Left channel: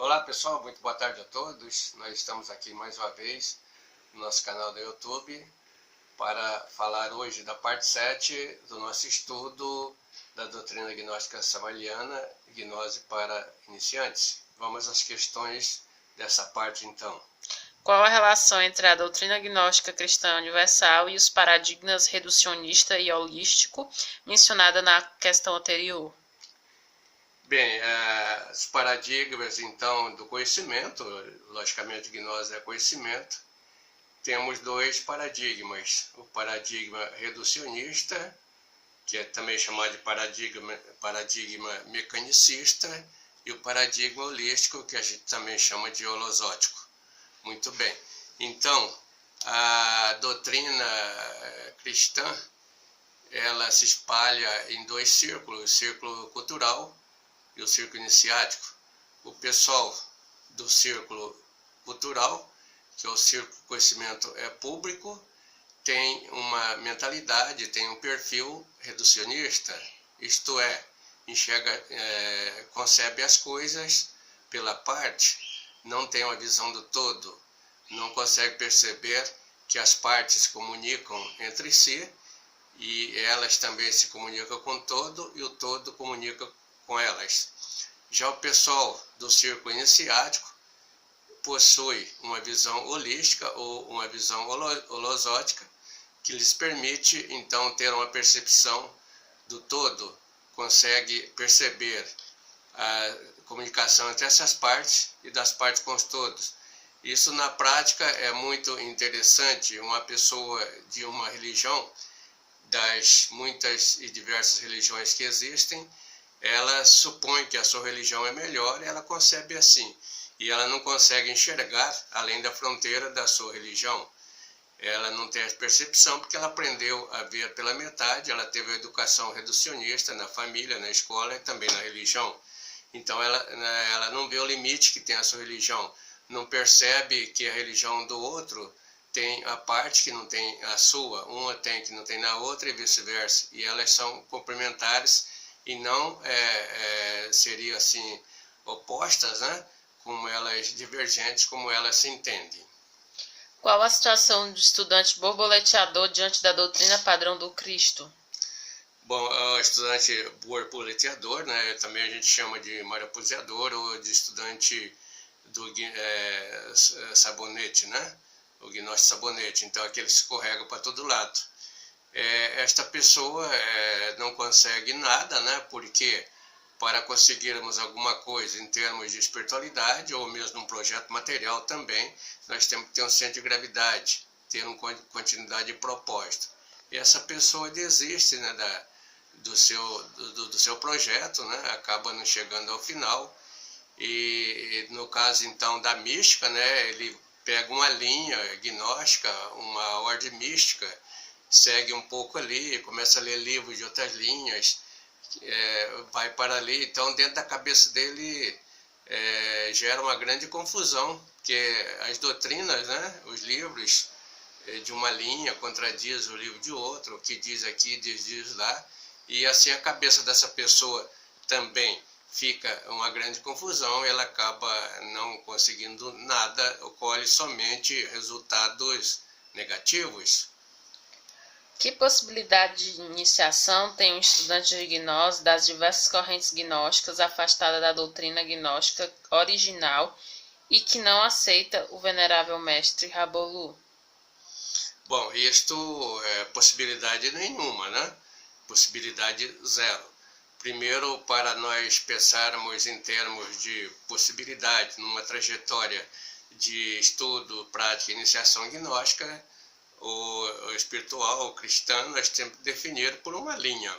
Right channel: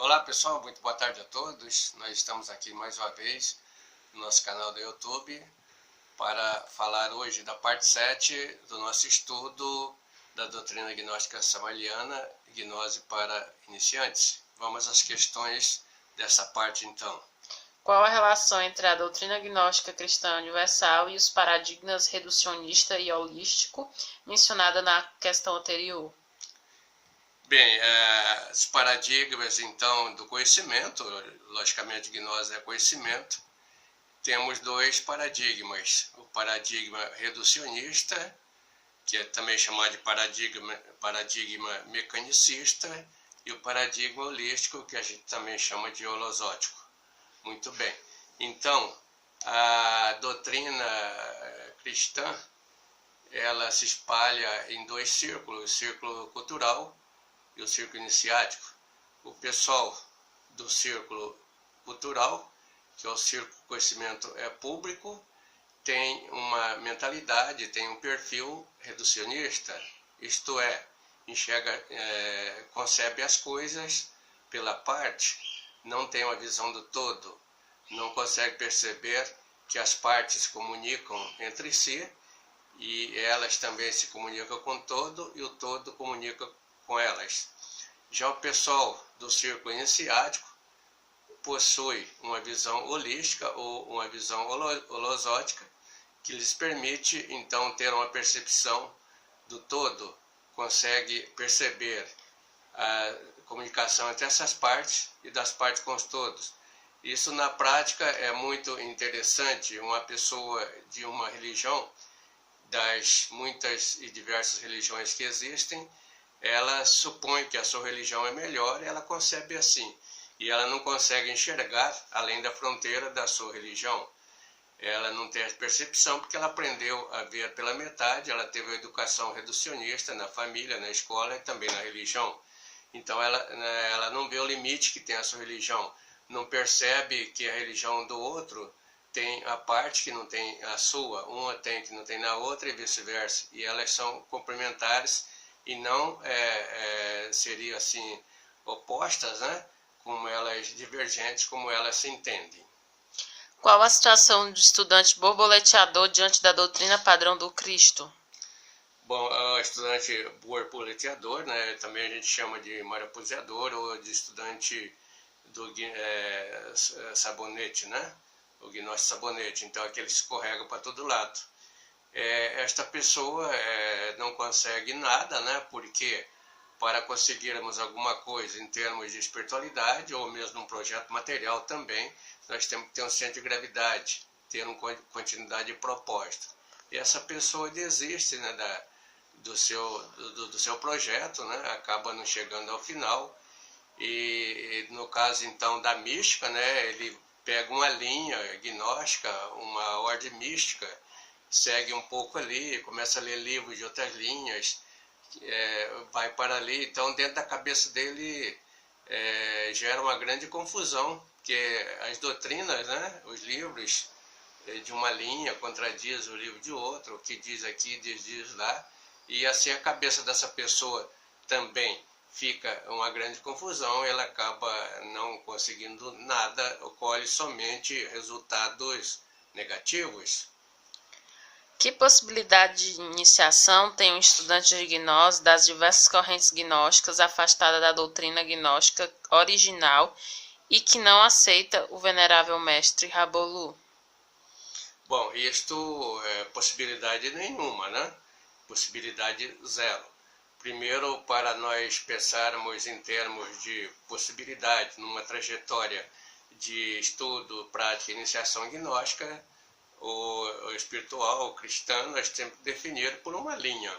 Olá pessoal, muito boa tarde a todos. Nós estamos aqui mais uma vez no nosso canal do YouTube para falar hoje da parte 7 do nosso estudo da doutrina gnóstica samaliana, gnose para iniciantes. Vamos às questões dessa parte então. Qual a relação entre a doutrina gnóstica cristã universal e os paradigmas reducionista e holístico mencionada na questão anterior? Bem, os paradigmas então do conhecimento, logicamente gnose é conhecimento, temos dois paradigmas, o paradigma reducionista, que é também chamado de paradigma mecanicista, e o paradigma holístico, que a gente também chama de holosótico. Muito bem, então a doutrina cristã, ela se espalha em dois círculos, o círculo cultural e o círculo iniciático. O pessoal do círculo cultural, que é o círculo de conhecimento público, tem uma mentalidade, tem um perfil reducionista, isto é, enxerga, concebe as coisas pela parte, não tem uma visão do todo, não consegue perceber que as partes comunicam entre si e elas também se comunicam com o todo e o todo comunica com elas. Já o pessoal do círculo iniciático possui uma visão holística ou uma visão holosótica que lhes permite então ter uma percepção do todo, consegue perceber a comunicação entre essas partes e das partes com os todos. Isso na prática é muito interessante. Uma pessoa de uma religião, das muitas e diversas religiões que existem, ela supõe que a sua religião é melhor e ela concebe assim. E ela não consegue enxergar além da fronteira da sua religião. Ela não tem a percepção porque ela aprendeu a ver pela metade, ela teve a educação reducionista na família, na escola e também na religião. Então ela não vê o limite que tem a sua religião, não percebe que a religião do outro tem a parte que não tem a sua, uma tem que não tem na outra e vice-versa. E elas são complementares e não seriam assim opostas, né? Como elas divergentes, como elas se entendem. Qual a situação do estudante borboleteador diante da doutrina padrão do Cristo? Bom, o estudante borboleteador, né, também a gente chama de mariposeador ou de estudante do sabonete, né? O gnóstico sabonete, então aquele que escorrega para todo lado. Esta pessoa não consegue nada, né? Porque para conseguirmos alguma coisa em termos de espiritualidade ou mesmo um projeto material também, nós temos que ter um centro de gravidade, ter uma continuidade de propósito. E essa pessoa desiste, né, do seu projeto, né? Acaba não chegando ao final. E no caso então da mística, né, ele pega uma linha gnóstica, uma ordem mística, segue um pouco ali, começa a ler livros de outras linhas, vai para ali, então dentro da cabeça dele gera uma grande confusão, porque as doutrinas, né, os livros de uma linha contradiz o livro de outro, o que diz aqui diz lá, e assim a cabeça dessa pessoa também fica uma grande confusão, ela acaba não conseguindo nada, colhe somente resultados negativos. Que possibilidade de iniciação tem um estudante de gnose das diversas correntes gnósticas afastada da doutrina gnóstica original e que não aceita o venerável mestre Rabolu? Bom, isto é possibilidade nenhuma, né? Possibilidade zero. Primeiro, para nós pensarmos em termos de possibilidade numa trajetória de estudo, prática e iniciação gnóstica, o espiritual, o cristão, nós temos que definir por uma linha.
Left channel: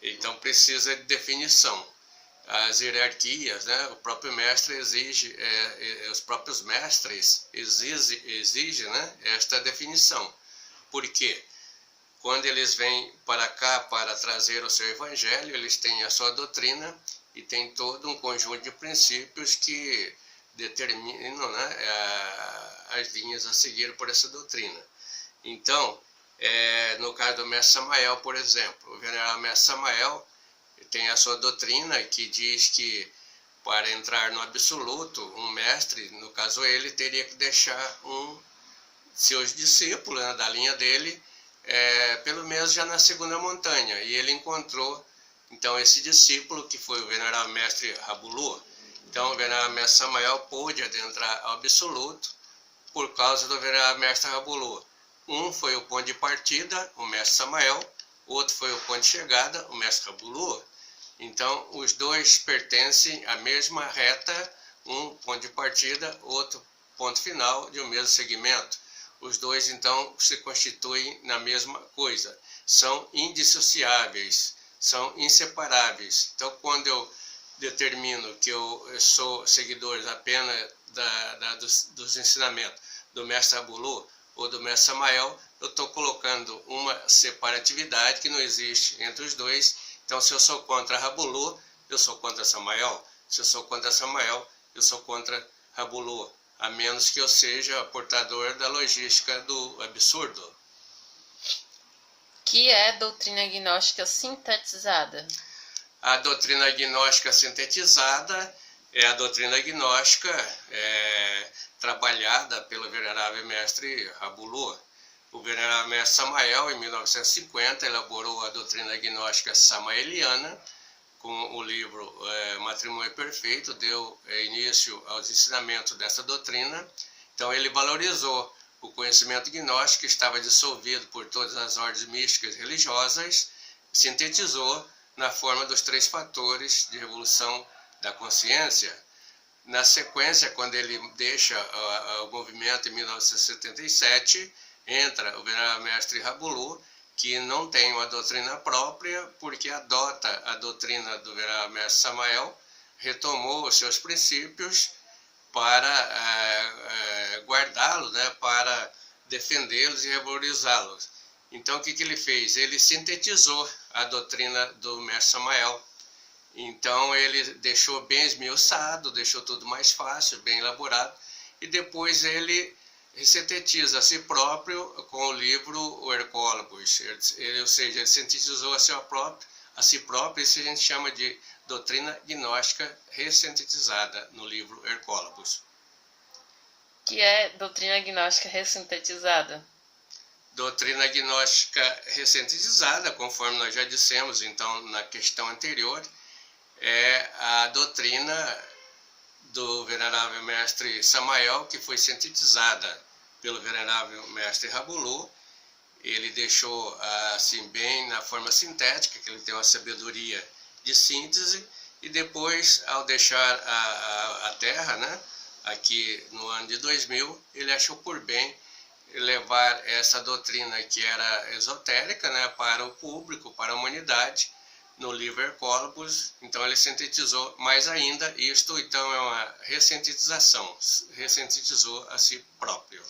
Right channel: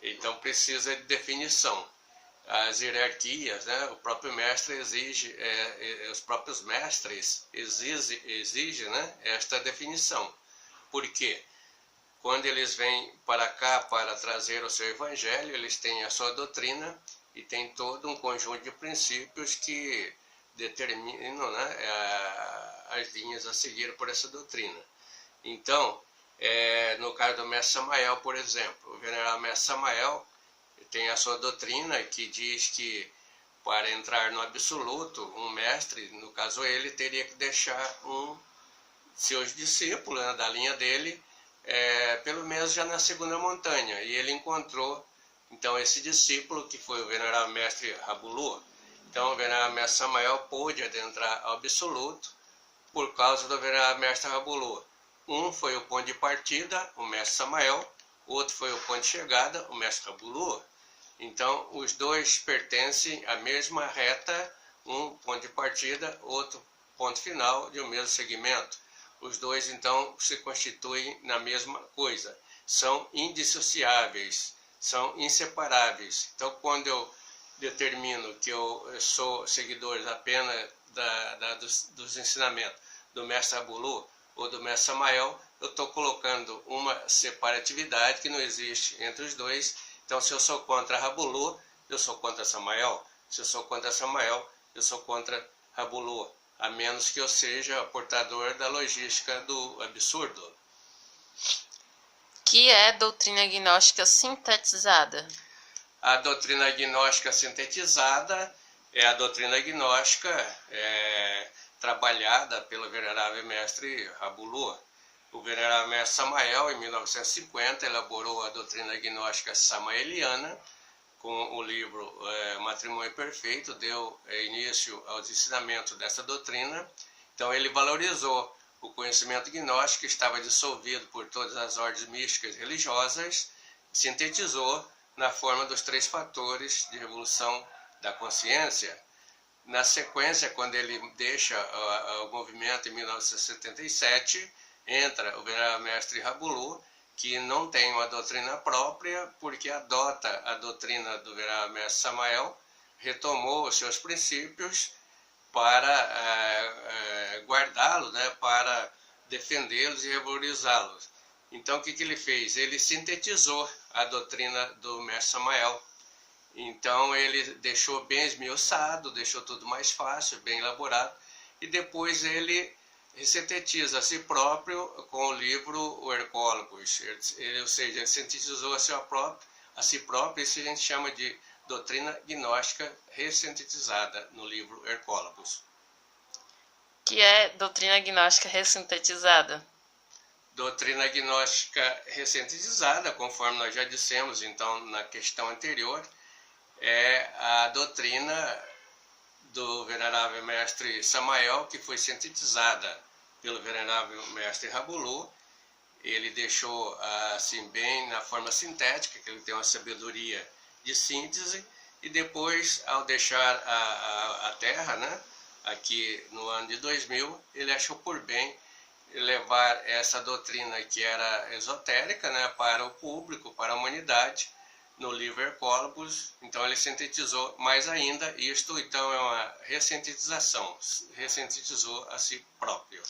Então precisa de definição. As hierarquias, né? O próprio mestre exige, os próprios mestres exigem, né, esta definição. Por quê? Quando eles vêm para cá para trazer o seu evangelho, eles têm a sua doutrina e tem todo um conjunto de princípios que determinam, né, as linhas a seguir por essa doutrina. Então, no caso do mestre Samael, por exemplo, o venerável mestre Samael tem a sua doutrina que diz que para entrar no absoluto, um mestre, no caso ele, teria que deixar seus discípulos, né, da linha dele, pelo menos já na segunda montanha. E ele encontrou, então, esse discípulo, que foi o venerável mestre Rabulu. Então, o venerável mestre Samael pôde adentrar ao absoluto por causa do venerável mestre Rabulu. Um foi o ponto de partida, o mestre Samael, outro foi o ponto de chegada, o mestre Rabulu. Então, os dois pertencem à mesma reta, um ponto de partida, outro ponto final de um mesmo segmento. Os dois, então, se constituem na mesma coisa. São indissociáveis, são inseparáveis. Então, quando eu determino que eu sou seguidor apenas dos ensinamentos do mestre Rabulu ou do mestre Samael, eu estou colocando uma separatividade que não existe entre os dois. Então, se eu sou contra Rabulu, eu sou contra Samael. Se eu sou contra Samael, eu sou contra Rabulu, a menos que eu seja portador da logística do absurdo. Que é doutrina gnóstica sintetizada? A doutrina gnóstica sintetizada é a doutrina gnóstica trabalhada pelo venerável mestre Rabulu. O venerável mestre Samael, em 1950, elaborou a doutrina gnóstica samaeliana, com o livro Matrimônio Perfeito, deu início aos ensinamentos dessa doutrina. Então, ele valorizou o conhecimento gnóstico, que estava dissolvido por todas as ordens místicas e religiosas, sintetizou na forma dos 3 fatores de revolução da consciência. Na sequência, quando ele deixa o movimento em 1977, entra o venerável mestre Rabulu, que não tem uma doutrina própria, porque adota a doutrina do venerável mestre Samael, retomou os seus princípios para guardá-los, né, para defendê-los e revalorizá-los. Então, o que ele fez? Ele sintetizou a doutrina do mestre Samael. Então, ele deixou bem esmiuçado, deixou tudo mais fácil, bem elaborado, e depois ele sintetiza a si próprio com o livro O Hercólogos, ou seja, ele sintetizou a si próprio, isso a gente chama de doutrina gnóstica ressintetizada no livro Hercólogos. Que é doutrina gnóstica ressintetizada? Doutrina gnóstica ressintetizada, conforme nós já dissemos então na questão anterior, é a doutrina do venerável mestre Samael, que foi sintetizada pelo venerável mestre Rabulu. Ele deixou assim bem na forma sintética, que ele tem uma sabedoria de síntese, e depois, ao deixar a Terra, né, aqui no ano de 2000, ele achou por bem levar essa doutrina que era esotérica, né, para o público, para a humanidade, no livro Hercólogos. Então ele sintetizou mais ainda isto, então é uma ressintetização, ressintetizou a si próprio.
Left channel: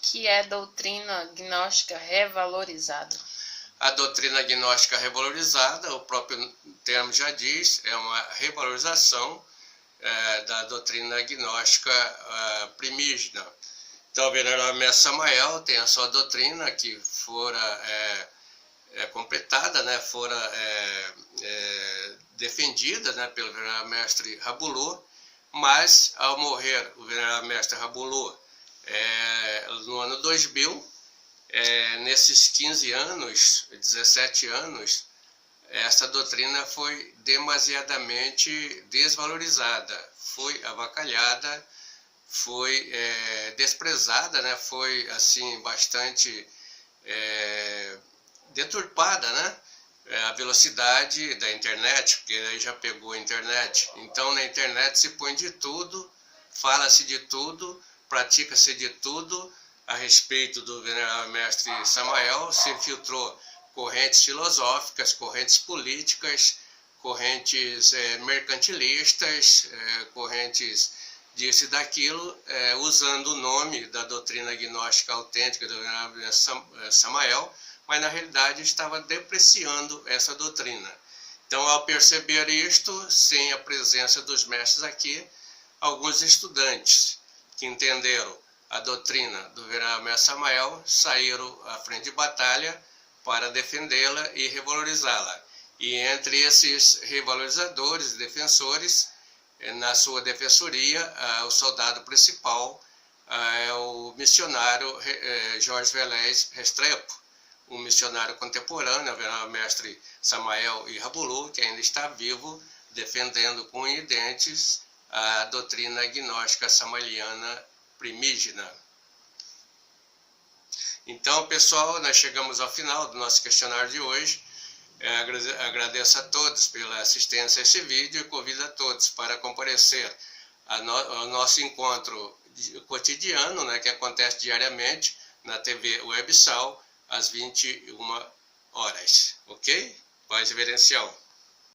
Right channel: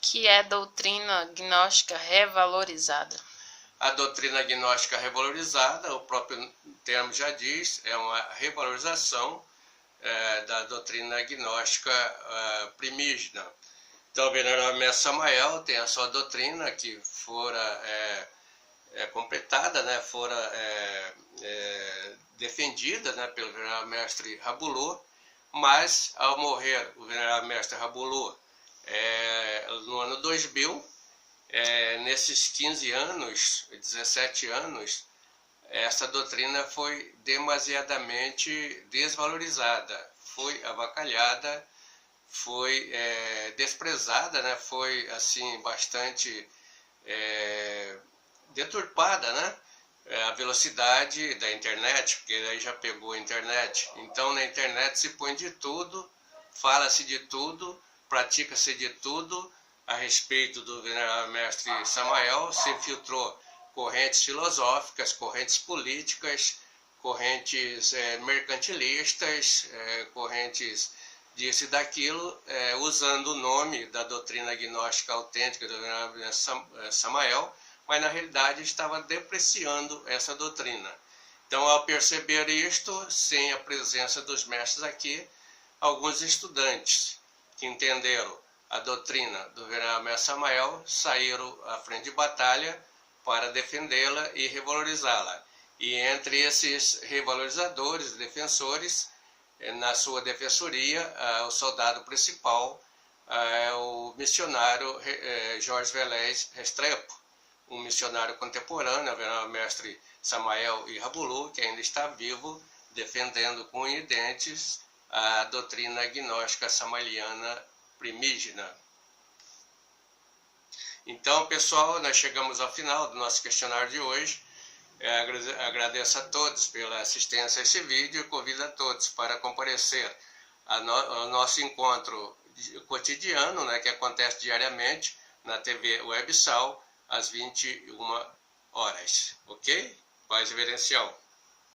Que é doutrina gnóstica revalorizada? A doutrina gnóstica revalorizada, o próprio termo já diz, é uma revalorização da doutrina gnóstica primígena. Então o venerável mestre Samael tem a sua doutrina que fora completada, né, fora defendida, né, pelo venerável mestre Rabulu, mas ao morrer o venerável mestre Rabulu no ano 2000, nesses 15 anos, 17 anos, essa doutrina foi demasiadamente desvalorizada, foi avacalhada, foi desprezada, né, foi assim bastante deturpada, né? A velocidade da internet, porque aí já pegou a internet. Então na internet se põe de tudo, fala-se de tudo, pratica-se de tudo a respeito do venerável mestre Samael. Se infiltrou correntes filosóficas, correntes políticas, correntes mercantilistas, correntes disso e daquilo, usando o nome da doutrina gnóstica autêntica do venerável mestre Samael, mas na realidade estava depreciando essa doutrina. Então, ao perceber isto, sem a presença dos mestres aqui, alguns estudantes que entenderam a doutrina do venerável mestre Samael saíram à frente de batalha para defendê-la e revalorizá-la. E entre esses revalorizadores e defensores na sua defensoria, o soldado principal é o missionário Jorge Velez Restrepo, um missionário contemporâneo, o mestre Samael Irabulu, que ainda está vivo, defendendo com unhas e dentes a doutrina gnóstica samaliana primígena. Então, pessoal, nós chegamos ao final do nosso questionário de hoje. Agradeço a todos pela assistência a esse vídeo e convido a todos para comparecer ao nosso encontro cotidiano, né, que acontece diariamente na TV Websal, às 21 horas. Ok? Paz reverencial.